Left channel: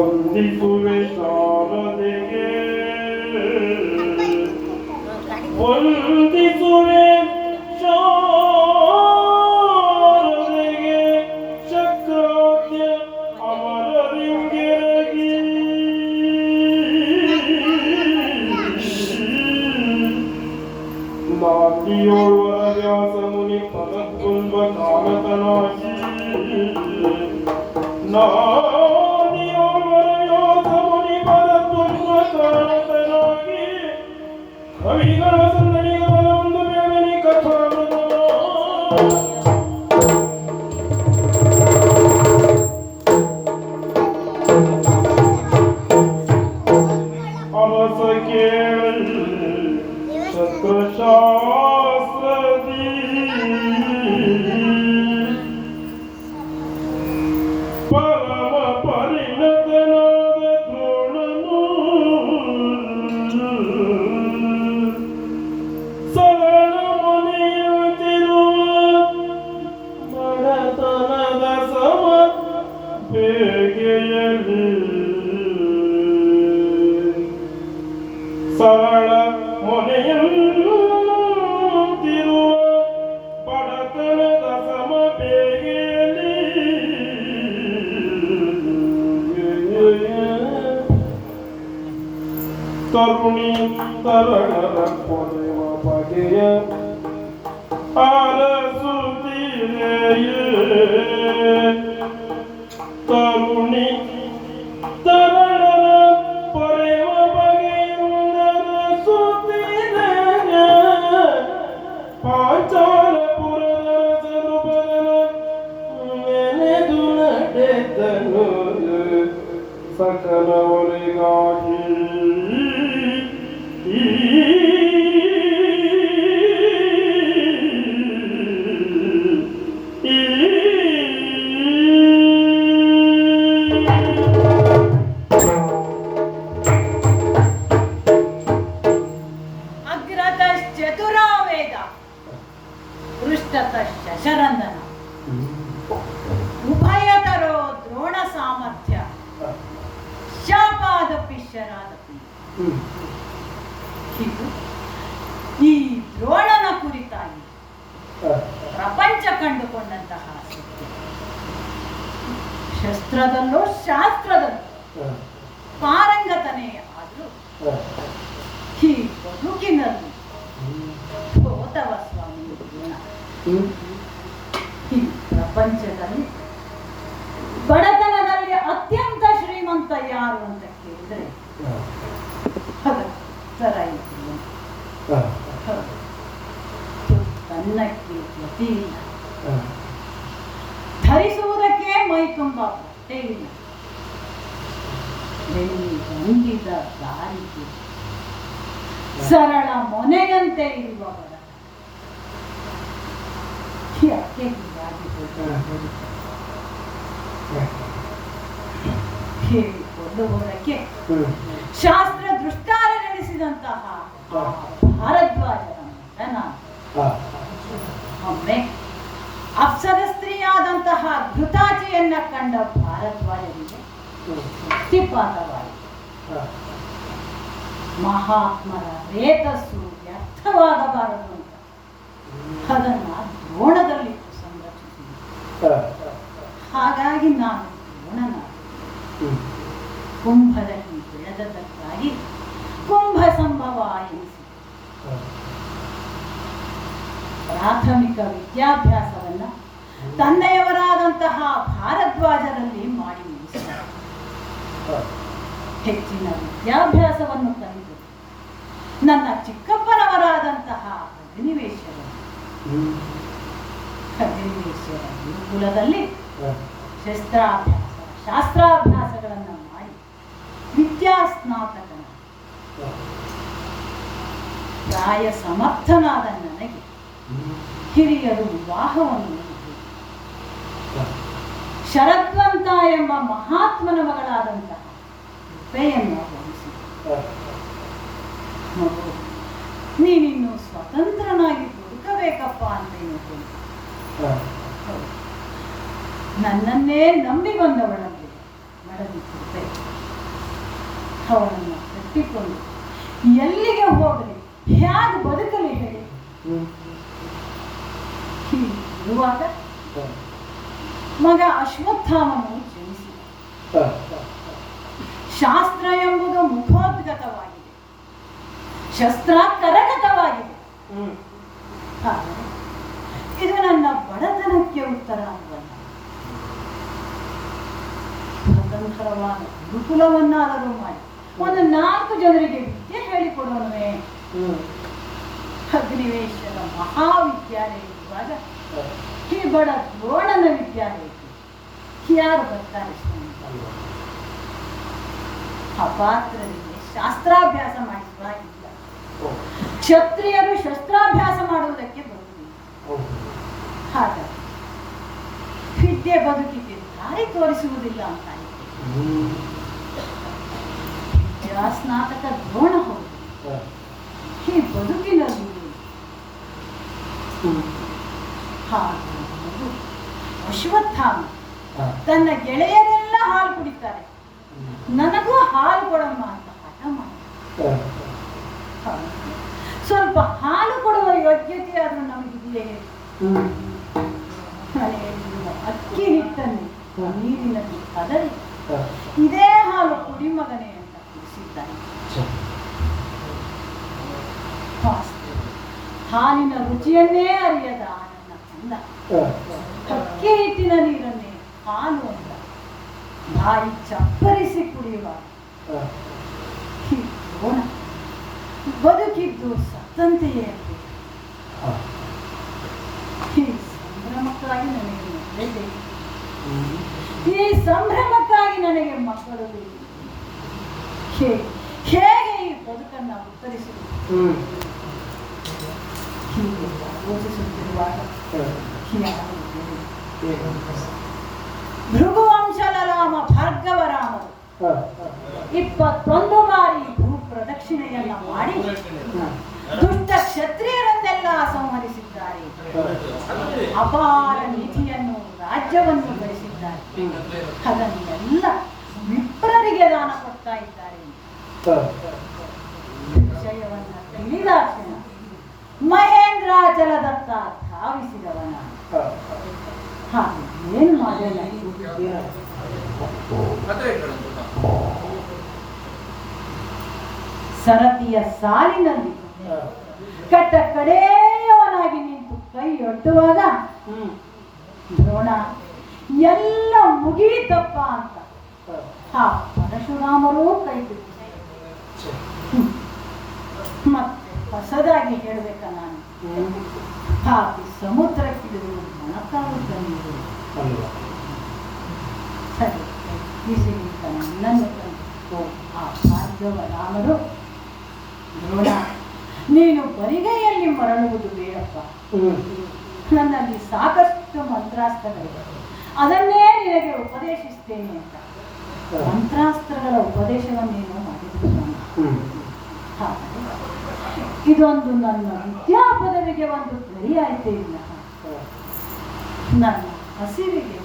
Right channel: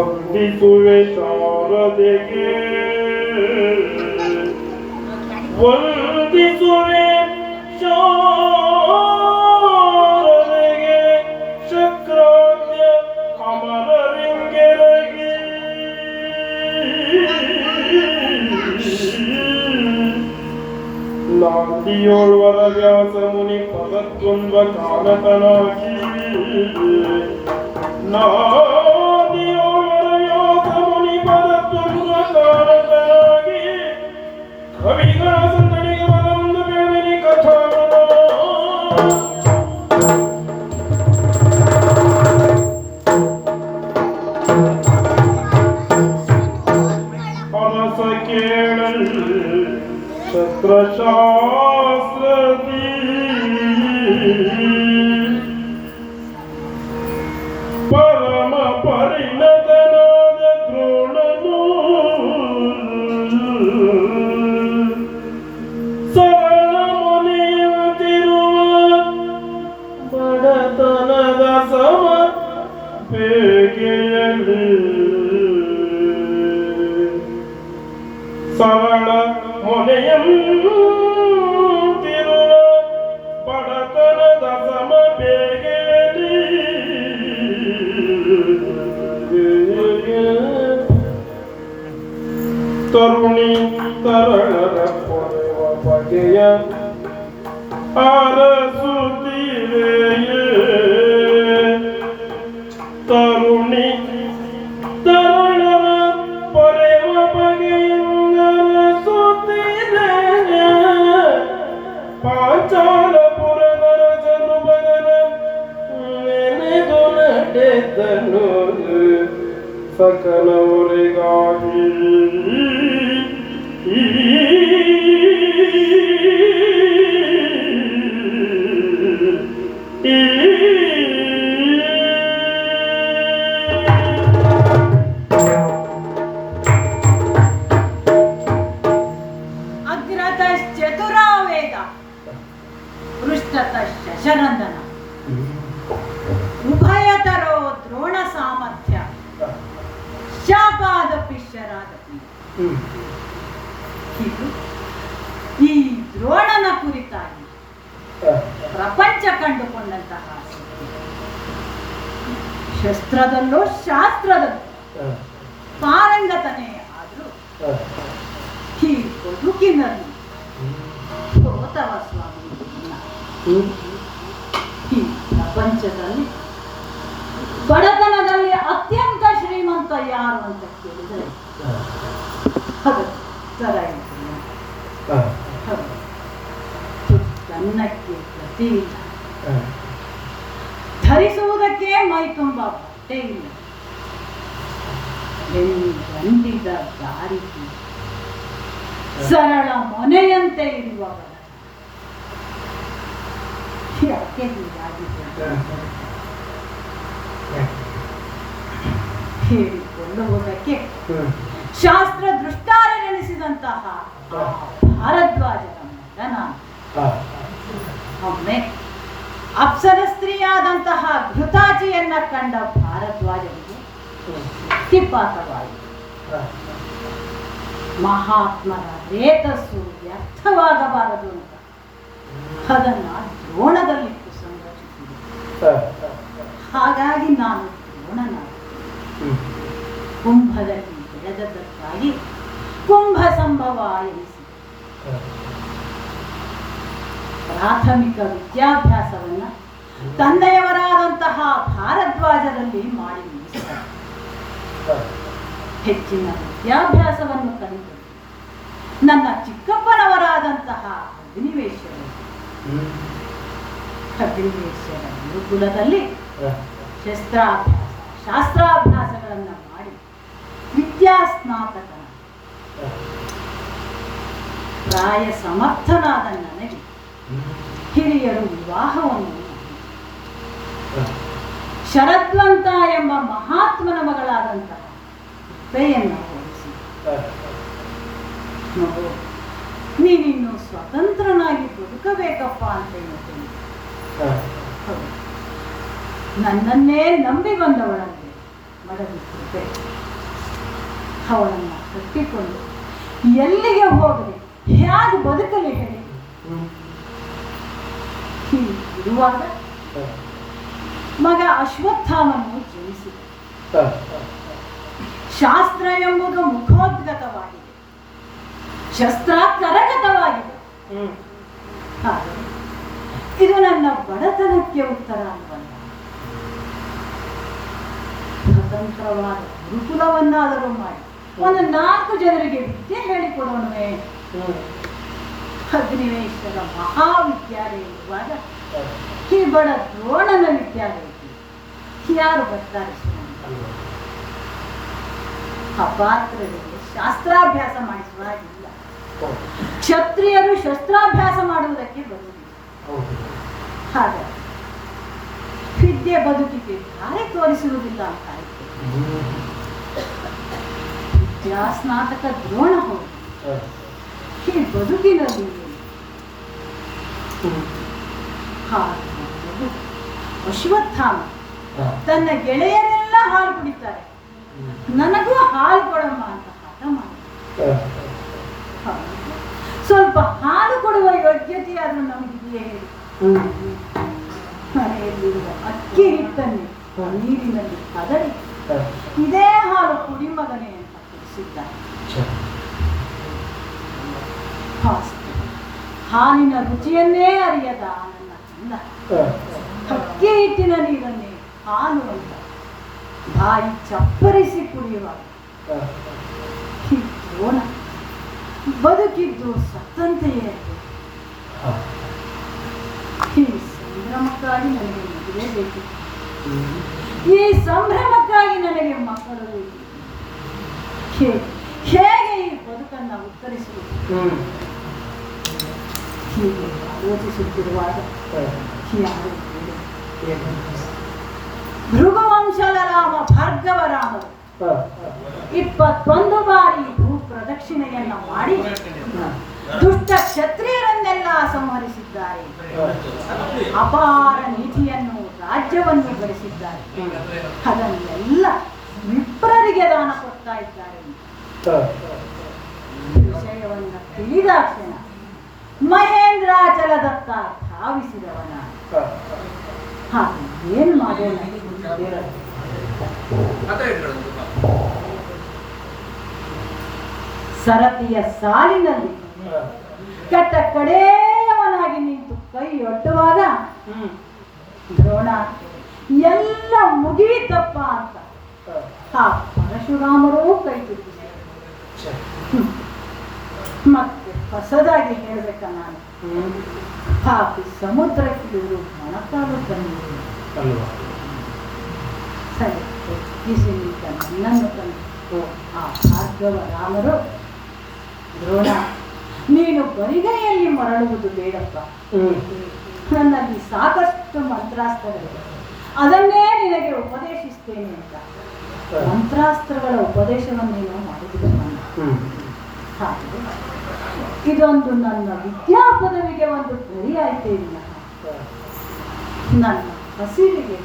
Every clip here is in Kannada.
ವಂದಿಸುವೆ ಶಾರದೆಗೆ ಆದಿಯೋರ್ವರ ವ್ಯಾಸ ಮುನಿ ಪದದ್ವಂದ್ವ ಕಾಲಕನಾಗಿ ನಾದಿಯೋರ್ವರ ವ್ಯಾಸ ಮುನಿ ಪದದ್ವಂದ್ವ ಕಾಲಕನಾಗಿ ಕವಿಗಳ ಸನ್ನಡಿಗ ಬಲವನ್ನು ಬೇಡನೆ ಕಥಾಮದ ಅಮಸ ಕೇಳಲ್ ಶಸ್ತ್ರಶಾಸ್ತ್ರದಿ ಪರಮ ಪರಿಣತನಾದ ದ್ರೋಣನು ಸರಳ ಮನೆಯುತ್ತಿರುವ ಬಡತನದ ಸಮ ಬೇಗೆಯಲ್ಲಿ ಸರಳ ಮೊನೆಯಂತಿರುವ ಬಡತನದ ಸಮ ಬೇಗೆಯಲ್ಲಿ ತರುಣಿ ತರಳರ ಪೊರೆವ ಬಗೆಯ ಆರಸುತ್ತಿರೆಯೇ ತರುಣಿ ತರಳರ ಪೊರೆವ ಬಗೆಯ ಆರಸುತ್ತಿರೆಯೇ ಪಾಂಚಾಲಪುರದ ಜನುಬಗನ ನೆನೆದು ನಡೆದನು ಸಕಲವರಿಗಾಗಿ ಅಗ್ರತಶ್ಚತುರಾವೇದ ಪೃಷ್ಠತಶ್ಚ ಶರಂದನ ಉಭಯತರೋ ದ್ರೋಣ ಸಾಮರ್ಥ್ಯ ಶಾಪಾದಪಿ ಶರಾದಪಿ. ಈ ದ್ರೋಣನ ಕುರಿತಾಗಿ ಪ್ರಪಂಚ ಕಂಡುಕೊಂಡಂತಹ ಶಸ್ತ್ರದಲ್ಲೂ ಶಾಸ್ತ್ರದಲ್ಲೂ ಪಾರಂಗತನೇ ಆದರೂ ಈ ಬದುಕಿನಲ್ಲಿ ಸೋತವ ಸ್ವಾಮಿ ದ್ರೋಣ. ಈ ಪ್ರಪಂಚದಲ್ಲಿ ಬಡತನದಲ್ಲಿ ಅತ್ಯಂತ ಶ್ರೀಮಂತ ಯಾರು ಅಂತ ಕೇಳಿದರೆ ಅನ್ನಕ್ಕೆ ಗತಿ ಇಲ್ಲ, ಧರಿಸುವುದಕ್ಕೆ ಮೈ ತುಂಬ ಬಟ್ಟೆ ಇಲ್ಲ, ಗಂಡಿದ ದಾರಿಗೆ ಸರಳ ಮೊನೆಯಂತೆ ಇರುವ ಬಡ ಹೇಳಿಕೊಳ್ಳುವುದಕ್ಕೆ ಶಾಸ್ತ್ರ ದೃಷ್ಟಾರನೆನಿಸಿದಂತಹ ಭಾರದ್ವಾಜನ ಮಗ ನಾನು. ಒಮ್ಮೆ ಅಪ್ಸರ ಸ್ತ್ರೀಯಾದಂತಹ ಘೃತಾಚಿಯನ್ನ ಕಂಡ ಭಾರದ್ವಾಜನಿಗೆ ಶಕ್ತಿಪಾತವಾಯಿತು. ಮಹಾತ್ಮರ ರೇತಸ್ಸು ವ್ಯರ್ಥವಾಗಬಾರದು ಅಂತ ಅದನ್ನ ದ್ರೋಣದಲ್ಲಿಟ್ಟು ಸಂರಕ್ಷಿಸಿದೆ. ಹಾಗಾಗಿ ನಾನು ದ್ರೋಣನ ಕುಂಭದಲ್ಲಿ ಬೆಳೆದದ್ದಕ್ಕಾಗಿ ಕುಂಭ ಸಂಭವ ಎನಿಸಿ ಪ್ರಾಥಮಿಕ ವಿದ್ಯಾಭ್ಯಾಸವನ್ನ ತಂದೆಯವರಾದಂತಹ ಭಾರದ್ವಾಜರಲ್ಲಿ ಮಾಡಿ ಮುಗಿಸಿದ್ದಾರೆ. ಹೆಚ್ಚಿನ ವಿದ್ಯಾಭ್ಯಾಸವನ್ನು ಕಲಿತು ನನ್ನ ಚಿಕ್ಕಪ್ಪನವರಾದಂತಹ ಅಗ್ನಿವೇಶ್ವರ ಗುರುಕುಲದಲ್ಲಿ ಶಾಸ್ತ್ರಾಭ್ಯಾಸಗಳನ್ನು ಮಾಡಿ ವಿದ್ಯಾಸ್ನಾತಕನ ಪ್ರಾಯ ಸಮರ್ಥನಾದ ನನಗೆ ಹಿರಿಯರು ವಿವಾಹವನ್ನು ಶರತ್ವಂತ ಎಂಬ ಮಹಾತ್ಮನ ಮಗಳಾದಂತಹ ಕೈಯನ್ನು ಹೋಲಿಸಿ, ನೀನಿನ್ನು ಸ್ವತಂತ್ರನಾಗಿ ಬದುಕಬೇಕಪ್ಪ ಅಂತ ಹೇಳ್ತೇನೆ. ನನ್ನನ್ನೇ ನಂಬಿ ಬಂದವಳಲ್ಲಿ ಮಡಲಿದ್ದೆ. ಅವಳನ್ನು ಕಟ್ಟಿಕೊಂಡು ಎಲ್ಲಿಗೆ ಹೋಗಲಿ, ಹೇಗೆ ಬದುಕಲಿ ಹೇಳಿ. ಇರುವಾಗ ಮಗ ಅಶ್ವತ್ಥಾಮನು ಜನಿಸಿದ. ಶಾಸ್ತ್ರ ಎಂಬುದು ಮುಖೋದ್ಗತವಾಗಿದೆ, ಶಸ್ತ್ರ ಕರಗತವಾಗಿದೆ. ಹಾಗೆ ಇದು ನನ್ನ ಬಡತನಕ್ಕೆ ಉತ್ತರ ಅಲ್ವಲ್ಲ. ಸ್ವತಂತ್ರವಾದ ಗುರುಕುಲವನ್ನಾದರೂ ಮಾಡಿ ಒಂದು 4 ಜನರಿಗೆ ವಿದ್ಯೆ ಹೇಳಿಕೊಡೋಣವೇ. ಅಗ್ನಿವೇಶದ ಮಹಾವಿದ್ಯಾಲಯ ಇರುವಾಗ ಈ ಬಡ ದ್ರೋಣನ ವಿದ್ಯಾಲಯಕ್ಕೆ ಯಾರು ಬರ್ತಾರೆ? ಅಪಾತ್ರರಿಗೆ ಶಾಸ್ತ್ರಾಭ್ಯಾಸ ಮಾಡಿಸುವಾಗಿಲ್ಲ. ಕ್ಷತ್ರಿಯರು ಶಸ್ತ್ರಾಭ್ಯಾಸ ಮಾಡುವುದಕ್ಕೆ ಬರುವುದಿಲ್ಲ. ಹಾಗಾಗಿ ವಿದ್ಯೆ ಬದುಕಿಗೆ ದಾರಿ ತೋರಿಸುವುದಿಲ್ಲ ಅಂತ ಸ್ನಾತಕ ದ್ರೋಣ ಹೋಗಿ ಈ ಬದುಕಿನಲ್ಲಿ ಅಶ್ವತ್ಥಾಮ ತನ್ನ ಗೆಳೆಯರೆಲ್ಲ ಹಾಲು ಕುಡಿತಾರೆ, ನನಗೂ ಹಾಲು ಕೊಡಮ್ಮ ಅಂತ ಹಠ ಮಾಡಿ ಸ್ವಲ್ಪ ಹಾಲು ಕೊಡುವ ಯೋಗ್ಯತೆ ಆದ್ರೂ ನಮಗಿದೆಯೇ? ಮನೆಯಲ್ಲಿರುವ ಅಕ್ಕಿ ಹಿಟ್ಟನ್ನು ನೀರಿನಲ್ಲಿ ಕದರಿ ಇದೇ ಹಾಲು ಕುಡಿ ಮಗನೇ ಅಂತ ತಿಳಿಸಿದ್ದಾನೆ. ಹಾಲಿನ ರುಚಿಯನ್ನೇ ಅರಿಯದ ನನ್ನ ಕಂದ ಅಕ್ಕಿ ಹಿಟ್ಟಿನ ನೀರನ್ನೇ ಹಾಲು ಅಂತ ಬಾಯಿ ಚಪ್ಪರಿಸಿ ಕುಡಿಯುವಾಗ ಬದುಕಿದ್ದು ಸತ್ತಂತೆಯೇ ಈ ಸಂಭ್ರಮಕ್ಕಾಗಿ ನನಗೆ ಮದುವೆ ಬೇಕು, ಈ ಸಂಭ್ರಮಕ್ಕಾಗಿ ನನಗೆ ಮಕ್ಕಳು ಹೇಗೆ ಈ ಬದುಕನ್ನು ಉತ್ತರಿಸಬೇಕು ಹೀಗೆ ಆಲೋಚಿಸುತ್ತಿರುವಾಗ ಭೃಗುವಂಶದ ರಾಮ ಭಾರ್ಗವರಾಮರು 21 ಬಾರಿ ಭೂ ಪ್ರದಕ್ಷಿಣೆಯನ್ನ ಮಾಡಿ ದುಷ್ಟ ಕ್ಷತ್ರಿಯರನ್ನೆಲ್ಲ ಸಂಹರಿಸಿದ್ದಾರೆ. ಅಪಾರ ನಿಧಿಯನ್ನು ರಾಜ್ಯವನ್ನು ಗಳಿಸಿದ್ದಾರೆ. ಅದನ್ನೆಲ್ಲ ವಿಪ್ರರಿಗೆ ದಾನ ಕೊಡ್ತಾ ಇದ್ದಾರೆ. ವಿಷಯವನ್ನು ತಿಳಿದಾಕ್ಷಣ ಮಹೇಂದ್ರಾಚಲದತ್ತ ಧಾವಿಸಿದವನ ಹಾಗೆ ಏನು ಮಾಡೋಣ? ಸರತಿಯ ಸಾಲಿನಲ್ಲಿ ಕಟ್ಟ ಕಡೆಯವನಾಗಿ ನಿಂತು ಕೈ ಒಡ್ಡುವಾಗ ದ್ರೋಣ ಎಲ್ಲ ಮುಗಿಯಿತಪ್ಪ ಅಂತ ಪರಶುರಾಮರೂ ಕೈ ಬಿಟ್ಟು ಮತ್ತೆ ಹೊಸದಾಗಿ ಹೇಳಬೇಕ ನಾನು ಹಾಕಿ ಸಮುದ್ರಕ್ಕೆ ಮೊಣಕಾಲುತ್ತಂದು ಸರಿ ಬಿಸಿಲಿದ್ದ ನನ್ನನ್ನು ತಂದು ಆ ಭಾರ್ಗವ ರಾಮರು ದ್ರೋಣ ನೀನು ಬರಿಗೈಯಲ್ಲಿ ಮರಳುವುದು ಬೇಡಪ್ಪ, ನನ್ನಲ್ಲಿ ಸಾಕಷ್ಟು ಮಂತ್ರಾಸ್ತ್ರಗಳಿವೆ, ಅದನ್ನೇ ನಿನಗೆ ಉಪದೇಶಿಸ್ತೇನೆ ಅಂತ ಮಂತ್ರಾಸ್ತ್ರಗಳ ಉಪದೇಶವನ್ನೇನು ಮಾಡಿದ್ರು ಹಾಗೆ ಇದೊಂದು ನನ್ನ ವಿದ್ಯಾ ಪದವಿಗೆ ಒಂದು ಗಡಿಯಾಯ್ತೇ ಇಲ್ಲ, ನನ್ನ ಹಸಿವಿಗೆ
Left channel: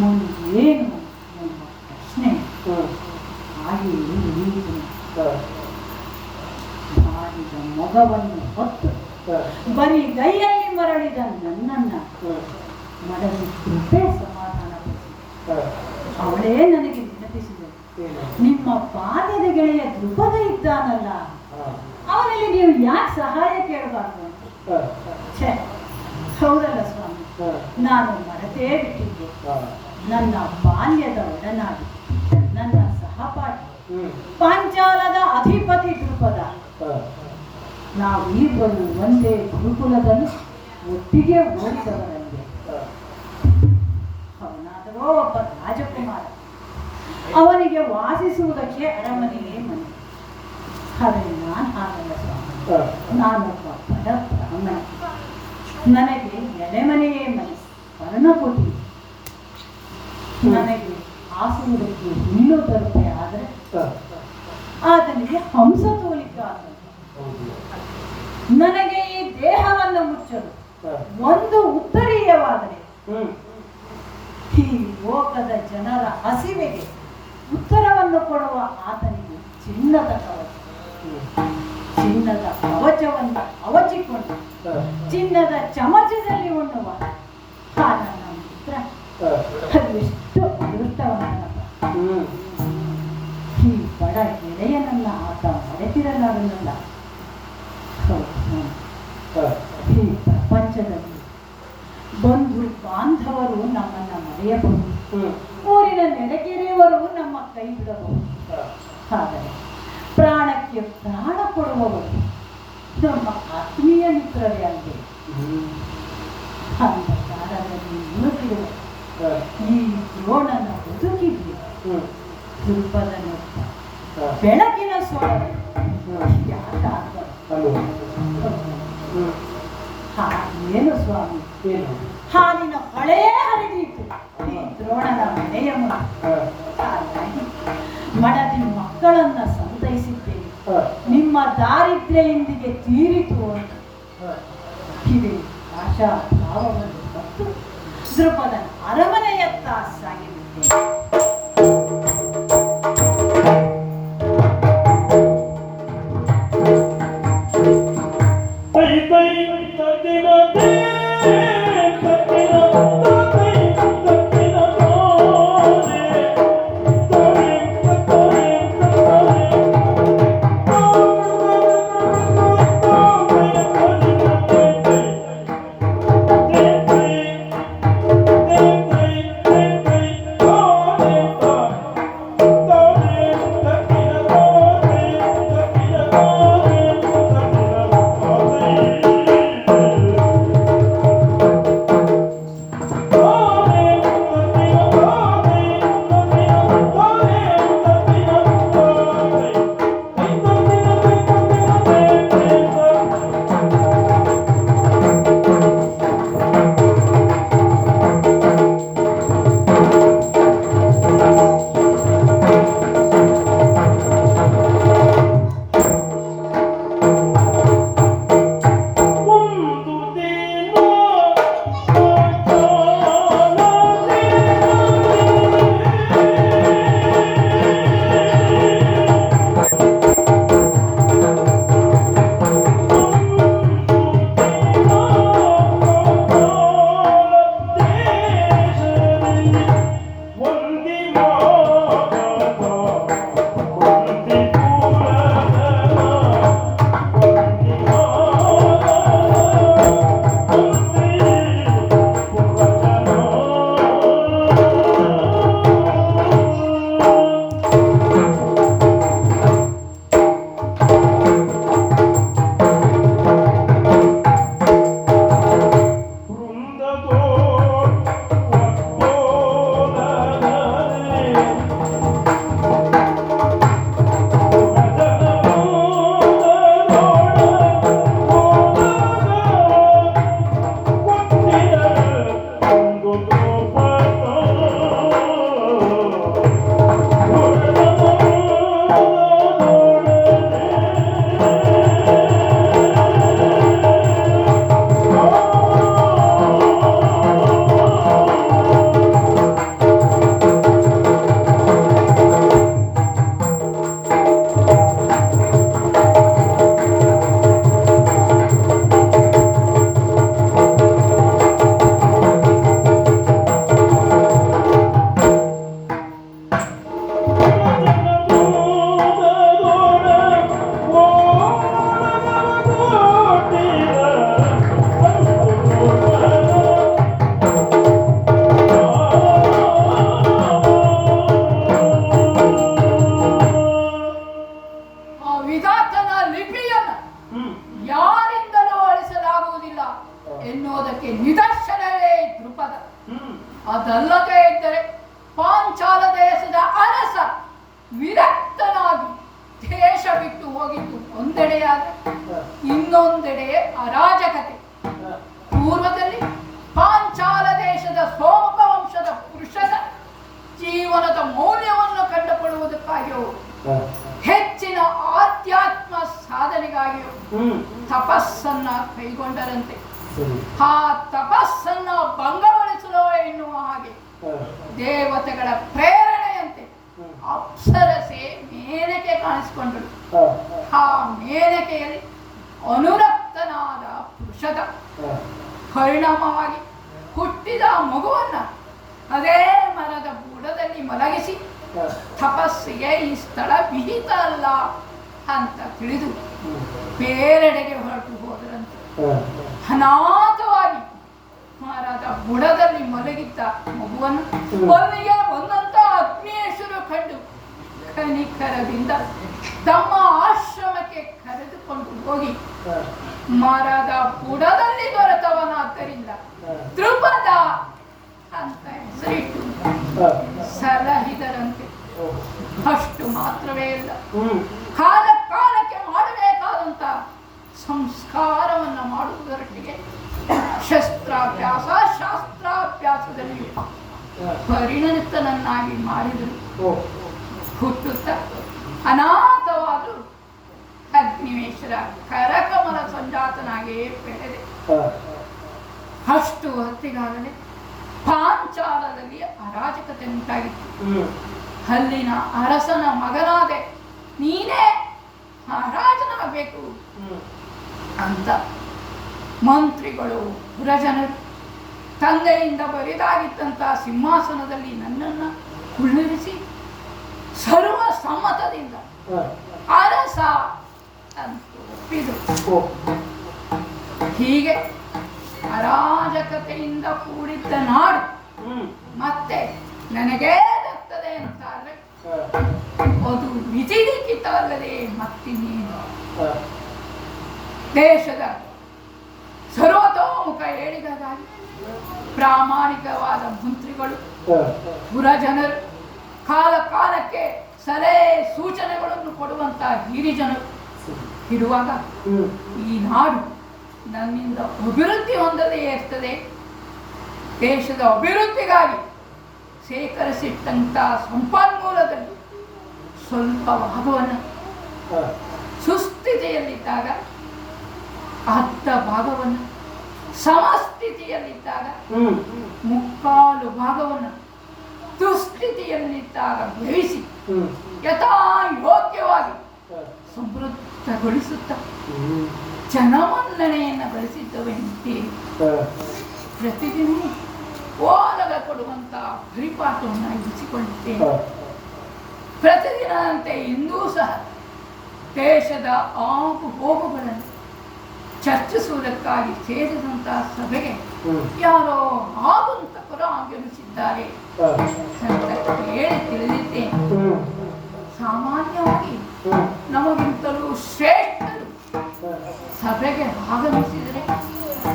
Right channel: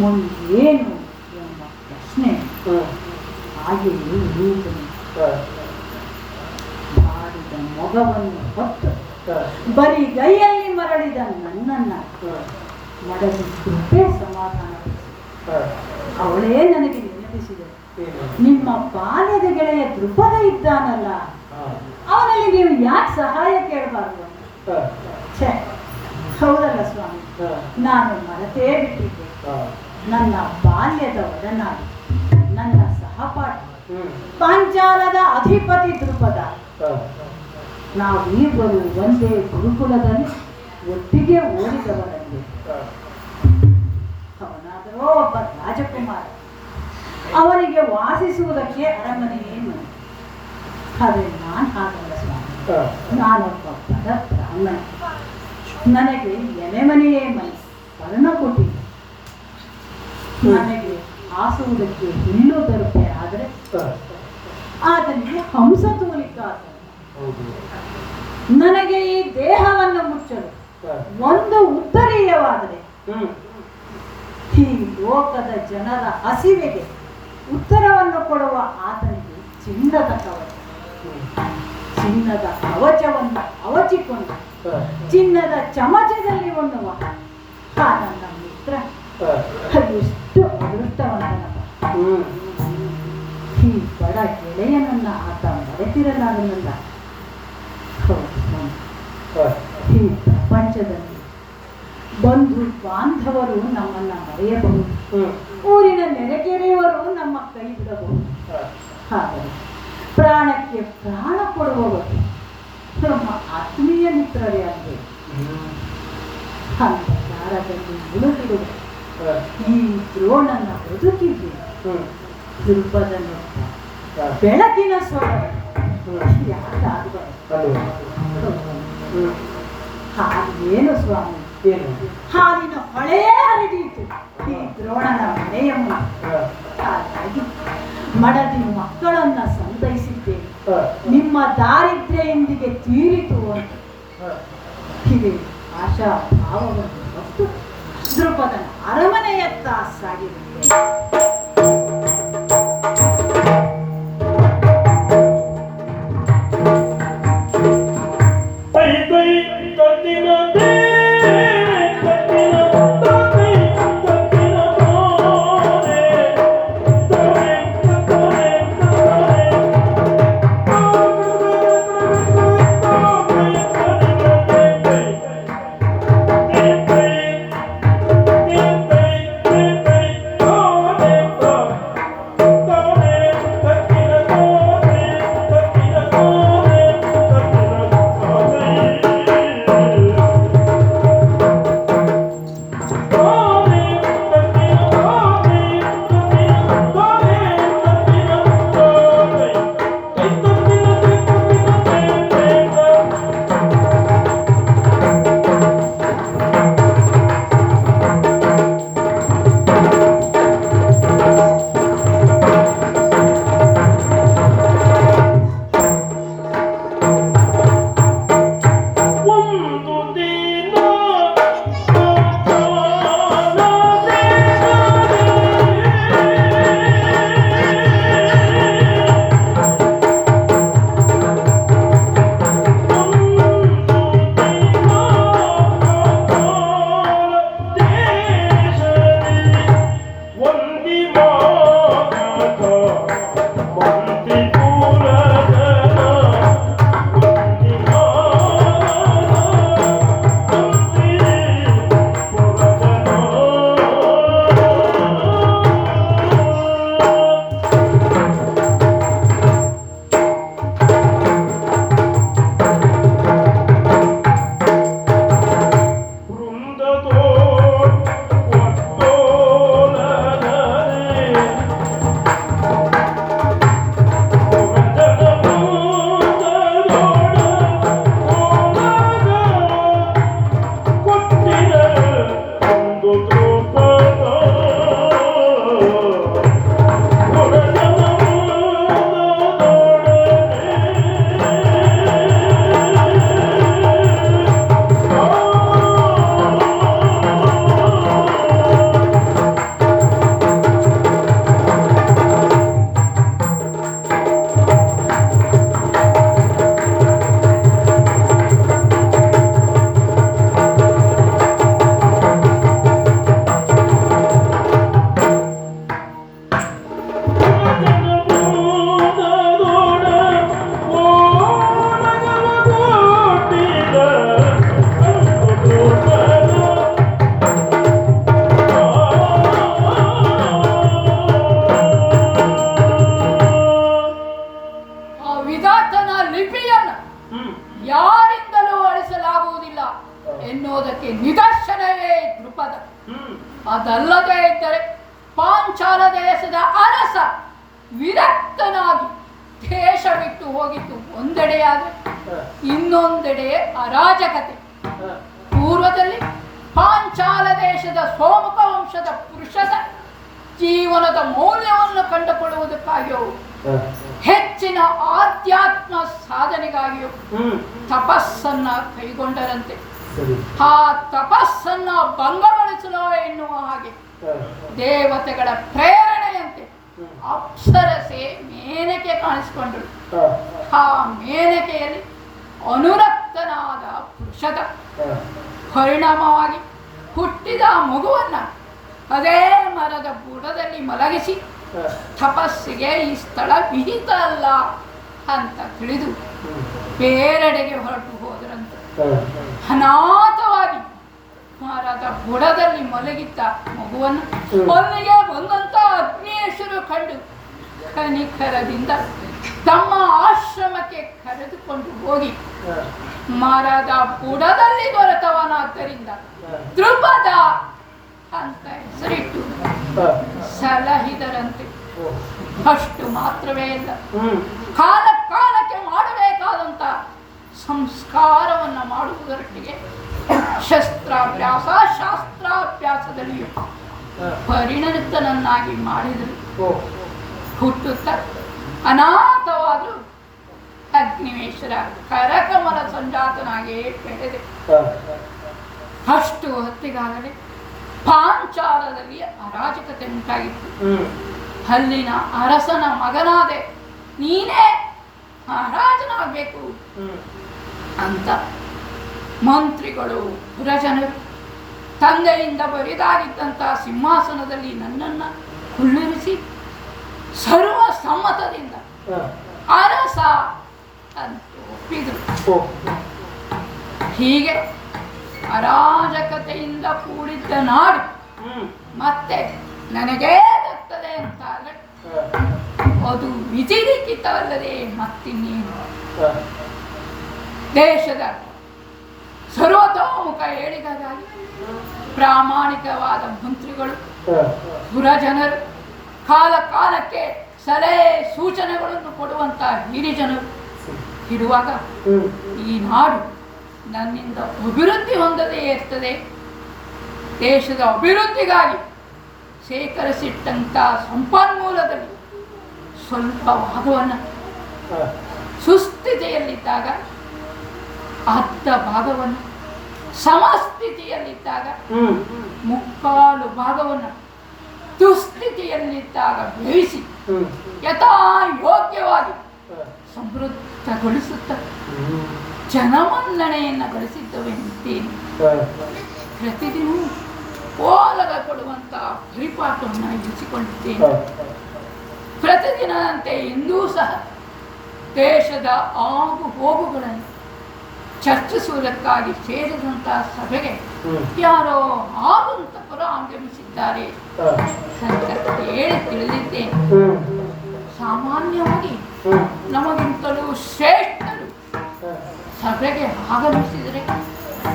ಮುಂದೇನು ಎಂಬ ಪ್ರಶ್ನೆ ಹಾಗೆಯೇ ಉಳಿಯುತ್ತದೆ. ಮಾಡಿದ ಮೊಗವನ್ನು ಹೊತ್ತು ಬರೀ ಗೈಯಲ್ಲಿ ಮರಳಿದ ನನ್ನನ್ನ ಮಡದಿ ಕೃಪೆ ಸಮಾಧಾನಗೊಳಿಸಿ ಅವಳೇ ನನಗೆ ನೆನಪಿಸಿದೆ, ನಿಮ್ಮ ಬಾಲ್ಯದ ಗೆಳೆಯ ದೃಪದ ಇದ್ದಾನಲ್ಲ, ಅವನಲ್ಲಿ ನೀವು ಯಾಕೆ ಸಹಾಯ ಕೇಳಬಾರ್ದು? ಹೌದಲ್ಲ ಸ್ವಾಮಿ, ನಾನು ಮರೆತೇ ಬಿಟ್ಟಿದ್ದೆ. ನನ್ನ ಬಾಲ್ಯದ ಒಡನಾಡಿ, ನನ್ನ ಸಹಪಾಠಿ, ಪಾಂಚಾಲದ ಅಧಿಪತಿ ದೃಪದ, ನಾವಿಬ್ಬರು ಒಂದೇ ಗುರುಕುಲದಲ್ಲಿ ಒಟ್ಟಿಗೆ ಓಡಿದವರಲ್ಲಿ. ಅವನಾದರೂ ಒಬ್ಬ ರಾಜಕುಮಾರ, ಅವನಿಗೆ ವಾಸಿಸುವುದಕ್ಕೆ ಅರಮನೆಯೇ ಮನೆ. ಆದರೆ ನಾನು ಹಾಗಲ್ಲ ಸ್ವಾಮಿ, ನಾನೊಬ್ಬ ಬಡ ಬ್ರಾಹ್ಮಣ, ನನಗೆ ಎಲೆಮನೆಯೇ ಮನೆ, ಪರ್ಣಕುಟಿ. ನನಗೆ ಹಾಸುವುದಕ್ಕೆ ಹುಲ್ಲು ತರುಕೆ ಆದರೆ ಆತನಿಗೆ ಹಂಸ ತೂಲಿಕಾದ. ನನಗೆ ಈ ದೇಹವನ್ನು ಮುಚ್ಚಲು ಒಂದು ಉತ್ತರೀಯವಾದರೆ ಈ ಲೋಕದ ಜನರ ಹಸಿವೆಗೆ ಉತ್ತರವನ್ನು ಕೊಡುವ ಆತನಿಗೆ ಚಿನ್ನದ ಕವಚ, ಚಿನ್ನದ ಕವಚವನ್ನು ಅವಚಿಕೊಂಡು ಚಿನ್ನದ ಚಮಚದಲ್ಲಿ ಉಣ್ಣುವ ನನ್ನ ಮಿತ್ರ ಎಷ್ಟು ಅದೃಷ್ಟವಂತ. ಈ ಬಡ ಗೆಳೆಯನನ್ನ ಆತ ಮರೆತಿರಲಾಗಲಿಲ್ಲ. ಈ ಪ್ರಪಂಚದಲ್ಲಿ ಬಂಧು ಬಾಂಧವರು ನಮ್ಮನ್ನ ಮರೆಯಬಹುದು, ಊರಿನ ನೆರೆಕೆರೆಯವರು ನಮ್ಮ ಕೈ ಬಿಡಬಹುದು. ಆದರೆ ಪ್ರಾಣಕ್ಕೆ ಪ್ರಾಣ ಕೊಡುವವರು ನಮ್ಮ ಆತ್ಮೀಯ ಮಿತ್ರರೇ ಅಲ್ಲದೆ. ಅಂಧಕಾರದಲ್ಲಿ ಮುಳುಗಿರುವ ಈ ದ್ರೋಣನ ಬದುಕಿಗೆ ದುರ್ಬಲನ ಬೆಳಕಿನ ಸ್ವರ ಏನು ಸ್ವಾಮಿ, ಹಾಲಿನ ಹೊಳೆಯೇ ಹರಿದೀತು ಈ ದ್ರೋಣನ ಮನೆಯ ಹಾಗಾಗಿ ಮಡದಿ ಮಕ್ಕಳನ್ನ ಸಂತೈಸಿದ್ದೇನೆ. ನಿಮ್ಮ ದಾರಿದ್ರ್ಯದೊಂದಿಗೆ ತೀರಿತು ಅಂತ ಇವೆ ಆಶಾ ಭಾವವನ್ನು ಹೊತ್ತು ದೃಪದನ ಅರಮನೆಯತ್ತ ಸಾಗಿರುತ್ತೇನೆ. ಅದಲ್ಲದೆ ಇದ್ದರೆ ಪಾಂಚಾಲ ದೇಶದ ಅರಸ ವಿರಕ್ತನಾಗಿ ದೇಶ ಬಿಟ್ಟು ಹೋಗಿದ್ದು ಒಂದೆಡೆಯಾದರೆ ಇನ್ನೊಂದೆಡೆ ಅರಾಜಕತೆ. ಪೂರ್ವದಲ್ಲಿ ಪಾಂಚಾಲ ದೇಶದ ಸೋಮಕ ವಂಶದ ಪುರುಷರ ಜೀವನದ ಮೌಲ್ಯವನ್ನು ಕಂಡುಕೊಳ್ಳುವುದಕ್ಕಾಗಿಯೂ ಹೆಚ್ಚಿನ ಆಧ್ಯಾತ್ಮ ಸಾಧನೆಗಾಗಿಯೂ ತಪಸ್ಸನ್ನ ಕೈಗೊಂಡರಂತೆ. ಆ ತಪಸ್ಸನ್ನ ಭಂಗಗೊಳಿಸಲು ಎನ್ನುವ ಹಾಗೆ ದೇವತೆಗಳ ಪ್ರೇರಣೆಯಂತೆ ಅಪ್ಸರಸೆ ಮೇನಕೆ ಕಾಣಿಸಿಕೊಂಡರು. ಆ ಮೇನಕೆಯಲ್ಲಿ ಅನುರಕ್ತನಾದ ಪುರುಷದ ಪರಿಣಾಮವಾಗಿ ಹುಟ್ಟಿದ ಮಗುವನ್ನ ಅದೇ ಮರದ ಬುಡದಲ್ಲಿ ಮಲಗಿಸಿ ತಪಸ್ಸಿಗೆ ಈ ಸ್ಥಳ ವಿಹಿತ ಅಲ್ಲ ಅಂತ ತಿಳಿದು ಬೇರೆಡೆಗೆ ಹೊರಟು ಹೋದರಂತೆ. ಅನಾಥವಾಗಿ ಮಹಾರಾಜ ಬುಡದಲ್ಲಿ ಮಲಗಿದ್ದ ಮಗುವನ್ನು ಅಲ್ಲಿಗೆ ಬಂದಂತ ಅಗ್ನೇಶ್ವರು ಕಂಡು ಕನಿಕರದಿಂದ ತಮ್ಮ ಆಶ್ರಮಕ್ಕೆ ಕರೆದುಕೊಂಡು ಹೋಗಿ ಮಹಾರಾಜ ಬುಡದಲ್ಲಿ ದೊರೆತವನಾದ್ದರಿಂದ ದ್ರುಪದ ಅಂತ ಹೆಸರಿಟ್ಟು ಸಲಹಿದರಂತೆ. ಅಷ್ಟು ಮಾತ್ರವೇ ಇಲ್ಲ, ಕಾಲ ಕಾಲಕ್ಕೆ ಮಾಡಬೇಕಾದಂತ ಸಂಸ್ಕಾರವನ್ನು ಮಾಡುವುದರೊಟ್ಟಿಗೆ ಶಾಸ್ತ್ರಾಭ್ಯಾಸದಲ್ಲಿ ಪರಿಣತನನ್ನಾಗಿ ಮಾಡಿದರು. ಹುಟ್ಟುತ್ತ ಅನಾಥವಾದರೂ ಅಗ್ನಿವೇಶ್ವರ ಕರಕಮಲ ಸಂಜಾತನಾಗಿಯೇ ಬೆಳೆದೆ. ಅಷ್ಟು ಹೊತ್ತಿಗಾಗಲೇ ಪಾಂಚಾಲದಲ್ಲಿ ಅರಾಜಕತೆ ಉಂಟಾಗಿತ್ತು. ಅಲ್ಲಿನ ಅರಸನ ಮಗನಾದೆ, ನೀನೇ ಮಹಾರಾಜನಾಗಬೇಕು ಅಂತ ಮಂತ್ರಿಗಳು ಪುರಜನರು ತಂದೆಯಿಂದ ಬರಿದಾಗಿದ್ದಂತಹ ಸಿಂಹಾಸನದಲ್ಲಿ ನನ್ನನ್ನು ಕುಳ್ಳಿರಿಸಿ ಸರ್ವ ಸಮ್ಮತದಿಂದ ಅರಸ ಅಂತ ಒಪ್ಪಿದರು. ಹೀಗೆ ಅರಾಜಕತೆಯಿಂದ ಕೂಡಿದ್ದ ನಾಡು ಮತ್ತೆ ನನಗೇ ದತ್ತದೆ ಅಂತಾದ್ರೆ ಅದು ವಿಧಿಲಿಖಿತವಲ್ಲದೆ ಮತ್ತಿನ್ನೇನು. ದೇಶದ ಸರ್ವತೋಮುಖ ಏಳಿಗೆಗಾಗಿ ಪ್ರಾಮಾಣಿಕವಾದ ಮಂತ್ರಿಗಳು ಪುರಜನರು ಕಾಲ ಕಾಲಕ್ಕೆ ಸಲಹೆ ಸೂಚನೆಗಳನ್ನು ಕೊಡುವಂತಹ ಹಿರಿಜನರು ಇರುವಾಗ ಈ ನಾಡು ನನ್ನಿಂದ ಅಭಿವೃದ್ಧಿ ಹೊಂದದೇ ಇರ್ತದೆ. ದೇಶದ ಅಭಿವೃದ್ಧಿಗಾಗಿ ಶೇಖರಿಸಿಟ್ಟಂತ ಸಂಪನ್ಮೂಲದಲ್ಲಿ ಸ್ವಲ್ಪ ಭಾಗವನ್ನು ಸುಸ್ಥಿತಿಯಲ್ಲಿದ್ದಾಗ ಅರ್ಧ ಭಾಗವನ್ನು, ಸಮಸ್ಥಿತಿಯಲ್ಲಿದ್ದಾಗ ಮುಕ್ಕಾಲು ಭಾಗವನ್ನು ದುಸ್ಥಿತಿಯಲ್ಲಿದ್ದಾಗ ಗ್ರಹಿಸಿ ಯಥಾ ಯೋಗ್ಯವಾಗಿ ಸಮೃದ್ಧಗೊಳಿಸುತ್ತ ಜನಮನ್ನಣೆಯನ್ನು ಗಳಿಸಿದ್ದವೆಂತೇನೆ. ಪ್ರತಿದಿನವೂ ಓಲಗ ಕೊಡುವಂತಹ ಪರಿಪಾಠವನ್ನು ಇರಿಸಿಕೊಂಡಿದ್ದೇನೆ. ಪ್ರತಿದಿನದಂತೆ ಇಂದೂ ಸಹ ದೇಶದ ಆಗು ಹೋಗುಗಳನ್ನು ಚರ್ಚಿಸುವುದಕ್ಕಾಗಿ ಸೇರಿದಂತಹ ಸಭೆಗೆ ಯಾರೋ ಆಗಂತಕರು ಆಗಮಿಸಿದ್ದಾರೆ ಅಂತ ಹೇಳಿ ತಿಳಿದಿದ್ದೇನೆ. ಸಾಮಾನ್ಯವಾಗಿ ನಮಗಿಂತಲೂ ಶ್ರೇಷ್ಠರು ಸಭೆಗೆ ಆಗಮಿಸಿದರೆ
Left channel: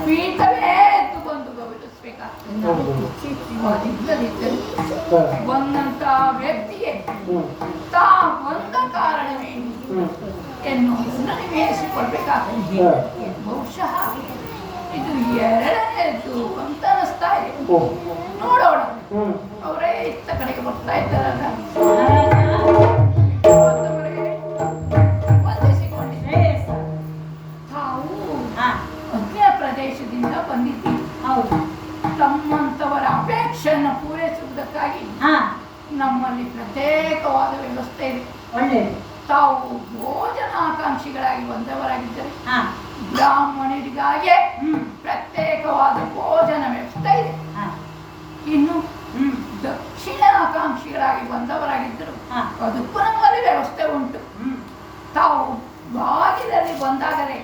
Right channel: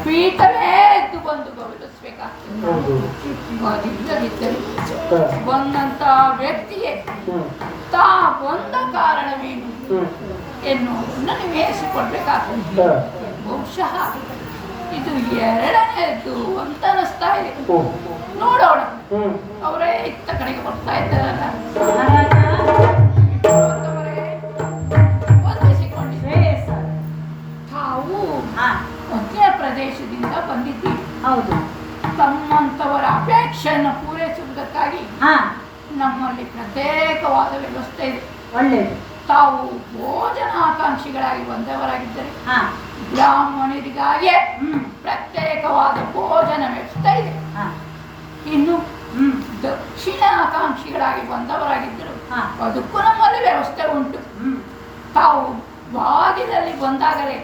ಪೀಠವೇ ಎದ್ದು ಬಂದು ಗೌರವಿಸಬೇಕಾಗ್ತದೆ. ಬಂದಂತ ವ್ಯಕ್ತಿಯೇ ತಾ ಬಂದ ಕಾರಣವೇನು ಎನ್ನುವುದನ್ನು ನಿವೇದಿಸಿಕೊಳ್ಬೇಕಾಗ್ತದೆ. ಬಹುಶಃ ಇದು ಎರಡನೇದು ಅಂತ ಅನಿಸ್ತಾ ಇದೆ. ನೋಡೋಣ, ಅವರೇ ಇತ್ತ ಕಡೆಗೆ ಬರ್ತಾ ಇದ್ದಾರಲ್ಲ. ತಾವು ಮಧ್ಯ ಪ್ರದೇಶದಿಂದ ಬಂದಿದ್ದೀವಿ. ಹೌದು. ತಮ್ಮಂತವರ ಅಪೇಕ್ಷೆಯನ್ನು ಪೂರೈಸುವುದಕ್ಕಾಗಿ ನಮ್ಮಲ್ಲಿ ಪ್ರತ್ಯೇಕವಾದ ವ್ಯವಸ್ಥೆ ಇದೆ. ಒಳ್ಳೆಯದು. ತಾವು ಭೋಜನಾಕಾಂಕ್ಷಿಗಳಾಗಿ ಬಂದವರಾಗಿದ್ದರೆ ಬ್ರಾಹ್ಮಣರಿಗಾಗಿಯೇ ಪ್ರತ್ಯೇಕವಾದ ಭೋಜನ ವ್ಯವಸ್ಥೆ ಇದೆ. ಇನ್ನು ದಕ್ಷಿಣ ಆಕಾಂಕ್ಷಿಗಳಾಗಿ ಬಂದವರಾಗಿದ್ದರು ಅದಕ್ಕೂ ನಮ್ಮಲ್ಲಿ ವ್ಯವಸ್ಥೆ ಉಂಟು. ತಾವು ಬಾಗಿಲಲ್ಲಿ ಬಂದಾಗಲೇ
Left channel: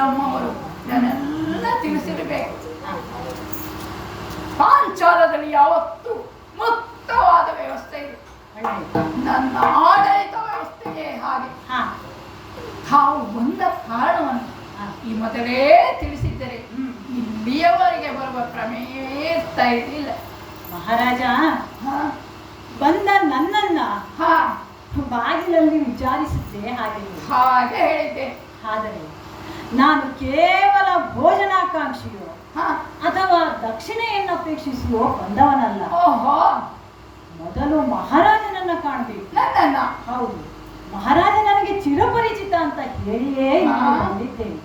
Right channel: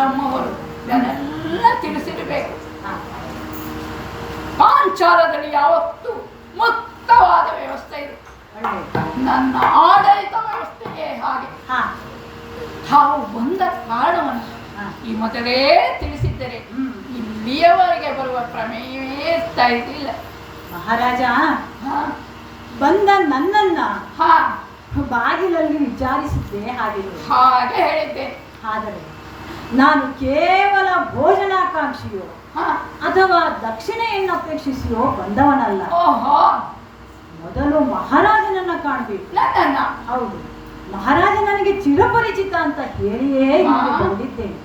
ನಮ್ಮವರು ಇದನ್ನೆಲ್ಲ ತಿಳಿಸಿರಬೇಕು. ಪಾಂಚಾಲದಲ್ಲಿ ಯಾವತ್ತೂ ಮುಕ್ತವಾದ ವ್ಯವಸ್ಥೆ ಇದೆ. ನನ್ನ ಆಡಳಿತ ವ್ಯವಸ್ಥೆಯೇ ಹಾಗೆ. ತಾವು ಬಂದ ಕಾರಣವನ್ನು ಈ ಮೊದಲೇ ತಿಳಿಸಿದ್ದರೆ ಇಲ್ಲಿಯವರೆಗೆ ಬರುವ ಪ್ರಮೇಯವೇ ಇರ್ತಾ ಇರಲಿಲ್ಲ. ಮಹಾರಾಜ ಬಂದ ನನ್ನನ್ನ ಬಾಗಿಲಲ್ಲಿ ವಿಚಾರಿಸಿದ್ದೆ. ಹಾಗೆ ಹೇಳಿದ್ದೆ. ಆದರೆ ನಾನು ಕೇವಲ ಭೋಜನಾಕಾಂಕ್ಷಿಯೋ ಅಥವಾ ದಕ್ಷಿಣೆಯನ್ನು ಅಪೇಕ್ಷಿಸಿಯೋ ಬಂದವನಲ್ಲ. ಮೊದಲು ಮಹಾರಾಜನನ್ನ ಕಾಣಬೇಕು. ಹೌದು, ಮಹಾರಾಜ ನನಗೆ ಚಿರಪರಿಚಿತ ಅಂತ ಹೇಳಿಯೇ ಬಂದಿದ್ದೇನೆ.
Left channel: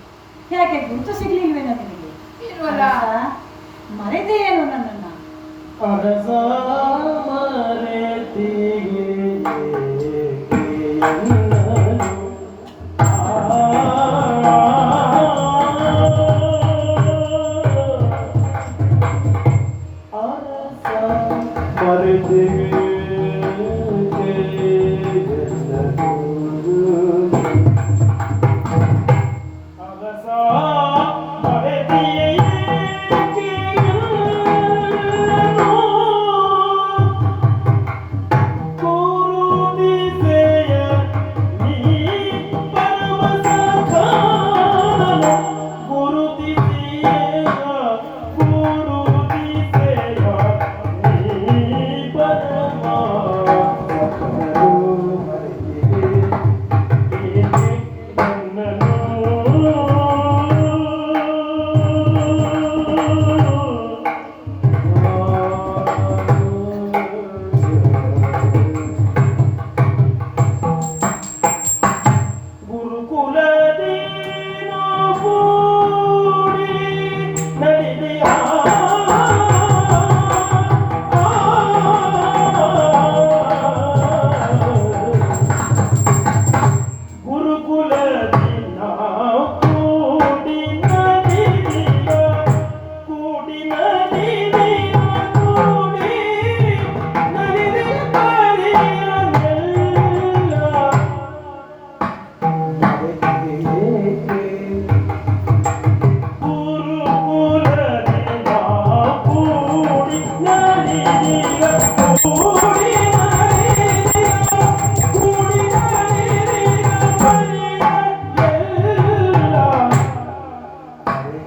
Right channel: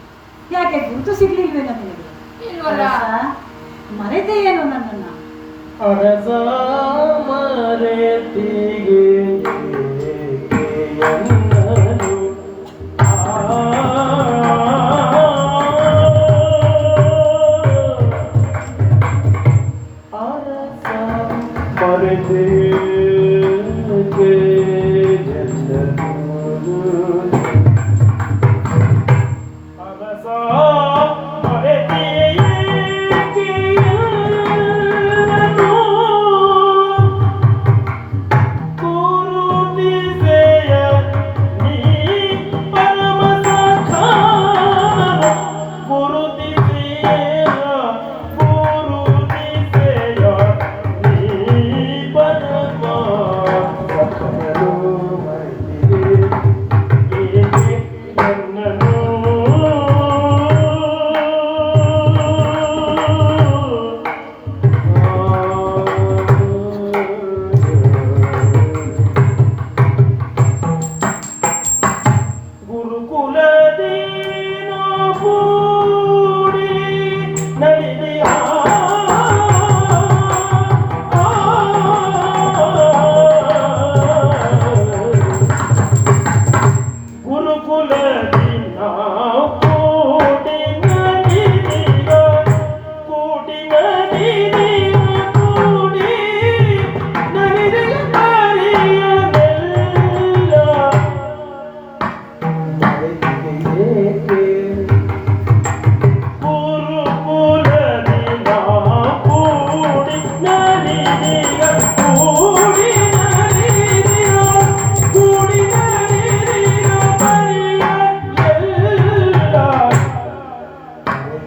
ಯಾಕೆ ಗುರುತು ಸಿಗ್ಲಿಲ್ವೇ ನನಗೆ? ಮರೆತೆಯೇನು ನನ್ನನ್ನ?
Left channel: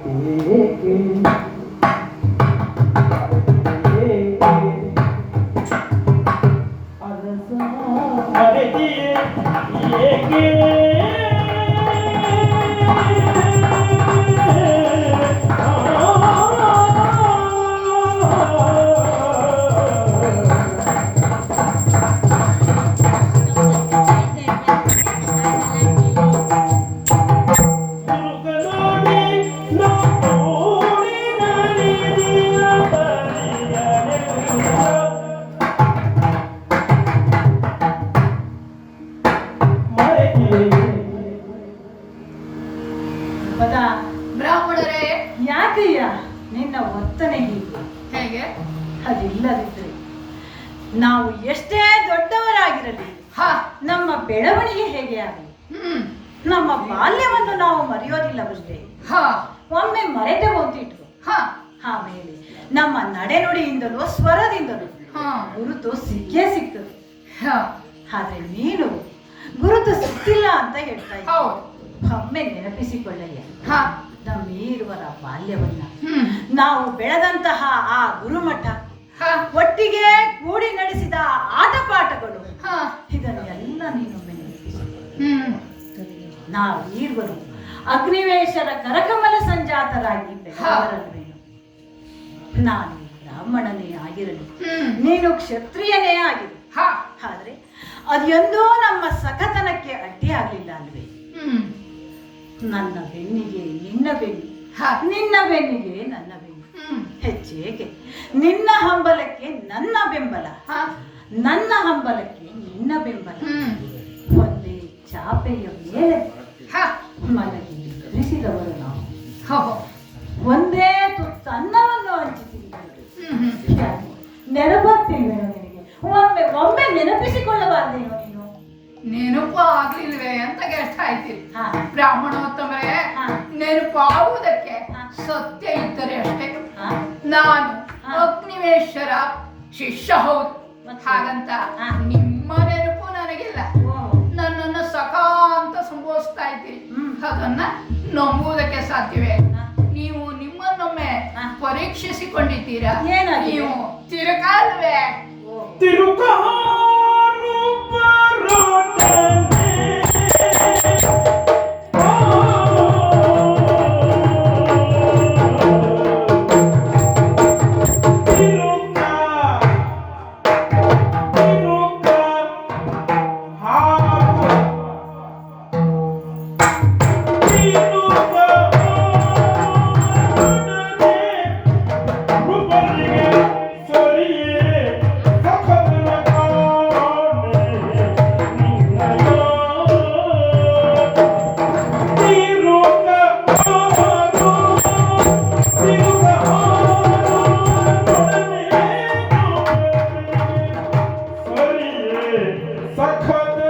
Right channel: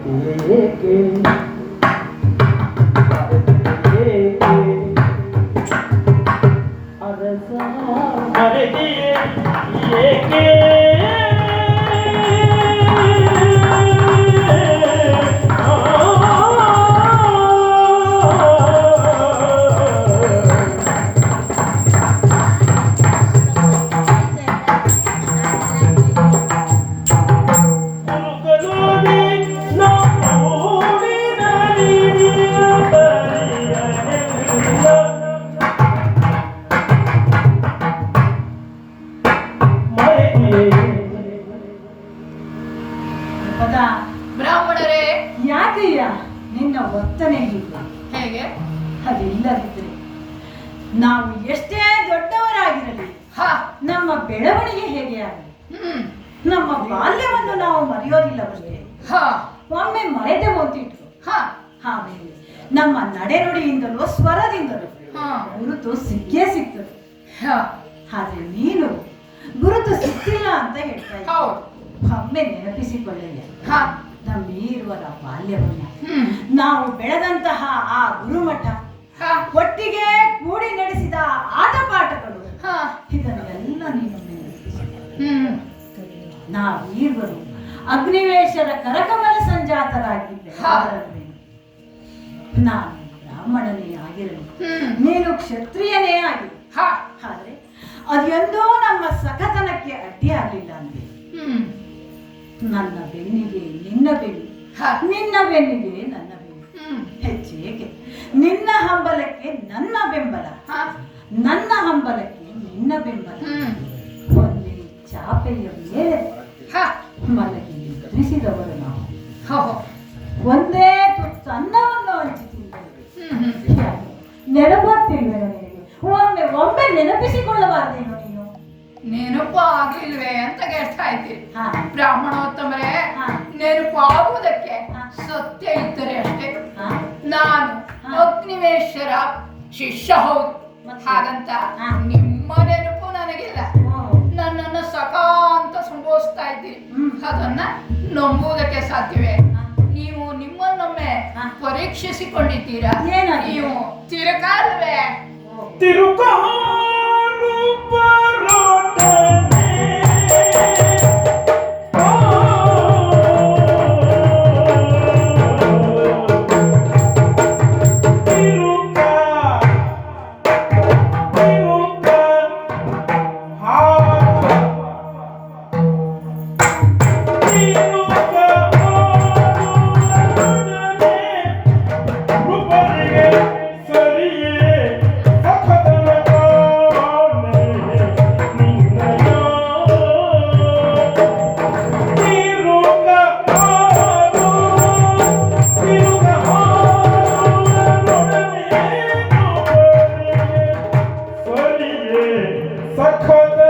ಏಕೆ ಅರಸ ಮರೆತಿಯೇ ಏಕೆ ಪದ ಬ್ರಾಹ್ಮಣರೇ, ಯಾಕಯ್ಯ ನಿನ್ನ ವರ್ತನೆ ಹೀಗೆ? ಹೇಗೆ? ಅದಿಲ್ಲದಿದ್ರೆ ನಾವು ಎಷ್ಟೇ ದೊಡ್ಡವರಾಗಿರಲಿ, ಹಾ, ನಮ್ಮ ಬೆಳವಣಿಗೆ ಹೇಗೆ ಆಗಲಿ, ಹ್ಮ್, ನಮ್ಮ ಬಾಲ್ಯವನ್ನು ನಾವು ಮರೆಯೋದಿಲ್ಲವಷ್ಟೇ. ಹಾ, ಒಮ್ಮೆ ಮರೆತೆ ಹೋಗ್ತಿಟ್ರು. ಹಾ, ಆಮೇಲೆ ನಮ್ಮ ನಡೆನುಡಿಯಿಂದಲೂ ಸ್ವರದಿಂದಲೂ ಹಾ, ಗುರುತು ಸಿಕ್ಕೇ ಸಿಗ್ತದೆ. ಹಾ, ಆದ್ರೆ ನೀನು ಗುರುತು ಸಿಕ್ಕಿಲ್ಲ ಅಂತ ಹೇಳ್ತಾ ಇದ್ದ. ಹೌದು, ಒಮ್ಮೆ ನೆನಪಿಸಿಕೊಳ್ಳಯ್ಯ ಹಾ, ನಮ್ಮೀರುವರ ಬಾಲ್ಯವನ್ನ, ಹ್ಮ್, ನಾವು ಬೆಳೆದಂತಹ ಆ ಗುರುಮಠ, ಹಾ, ಒಟ್ಟಿಗೆ ಕೂಡಿ ನಡೆಸಿದ ಆಟ ಪಾಠಗಳು, ಹಾ, ಇದನ್ನೆಲ್ಲ ನೀನು ನೆನಪಿಸು. ಹ್ಮ್, ನಾವೀರ್ವರು ಅಗ್ನಿವೇಶರ ಕರಕಮಲ ಸಂಜಾತರಾಗಿ ಬೆಳೆದವರಲ್ವೇನು? ನಾನು ಬ್ರಾಹ್ಮಣನೇ ಆಗಿರಲಿ, ಹ್ಮ್, ನೀನು ಕ್ಷತ್ರಿಯನೇ ಆಗಿರು. ಹಾ, ಆದ್ರೆ ಅದೆಂದೋ ನಮ್ಮ ಸಖತನಕ್ಕೆ ಅಡ್ಡಿಯಾಗಲಿಲ್ಲ ಅಂದ್ರೆ ಹ್ಮ್, ನನ್ನ ಬೆನ್ನಿಗೆ ನಿನ್ನ ಬೆನ್ನು, ಹಾ, ನಿನ್ನ ಬೆನ್ನಿಗೆ ನನ್ನ ಬೆನ್ನು, ಹ್ಮ್, ಹೆಚ್ಚೇಗೆ ನಿನ್ನ ಹಂಬಲಕ್ಕೆ ನನ್ನ ಬೆಂಬಲ, ಹಾ, ನನ್ನ ಹಂಬಲಕ್ಕೆ ನಿನ್ನ ಬೆಂಬಲ. ಹ್ಮ್, ಒಂದೇ ಚಾಪೆಯ ಮೇಲೆ ಹಾ, ಮಲಗಿ ನಿದ್ರಿಸಿದವರು ನಾವು. ಹೋ, ಒಂದೇ ತುತ್ತು ಅನ್ನವನ್ನು ಹಂಚಿಸಿದ್ದಾರೆ. ಹ್ಮ್, ನೆನಪಾಗ್ತಿಲ್ಲ ನನಗೆ. ಒಮ್ಮೆ ನೆನಪಿಸಿಕೊಳ್ಳಬಾರ್ದೇನೋ ನೀನು? ನೆನಪು ಆಗ್ಲಿಲ್ವೇ ಅಂತ ಗೆಸ್ಟ್ ಆಯ್ತೀರಿ. ಹಾ. ಬ್ರಾಹ್ಮಣೋತ್ತಮರೇ, ಹಾ. ನೆನಪಾಗುವುದಕ್ಕೆ ಹಾ. ಸತ್ಯ ಇದ್ದರೆ ಅಷ್ಟೇ. ಹಾ? ನಾನು ಹಾ. ಅಗ್ನಿವೇಶರ ಶಿಷ್ಯ ಹೌದು, ಮತ್ತೆ? ಹಾಗಂತ ಹಾ. ನಿಮ್ಮ ನೆನಪು ನನಗಿಲ್ಲ. ಓ. ನನ್ನನ್ನು ಸಖ ಅಂತ ಸಂಬೋಧಿಸ್ತಾ ಇದ್ದೀರಿ. ಹ್ಮ್. ಅದನ್ನ ನಂಬುವುದಕ್ಕೆ ಸಾಧ್ಯವೇ? ಹಾ. ನೀವು ನಿಮ್ಮನ್ನೊಮ್ಮೆ ಹಾ. ಪರೀಕ್ಷಿಸಿಕೊಂಡಿದ್ದೀರಾ? ಏನಾಗಿದೆ? ನೀವು ತಿರುಗಾಲ್ವೇ? ತಿರುಗಾರು ಬರುತ್ತಾನೆ. ಸಖತ್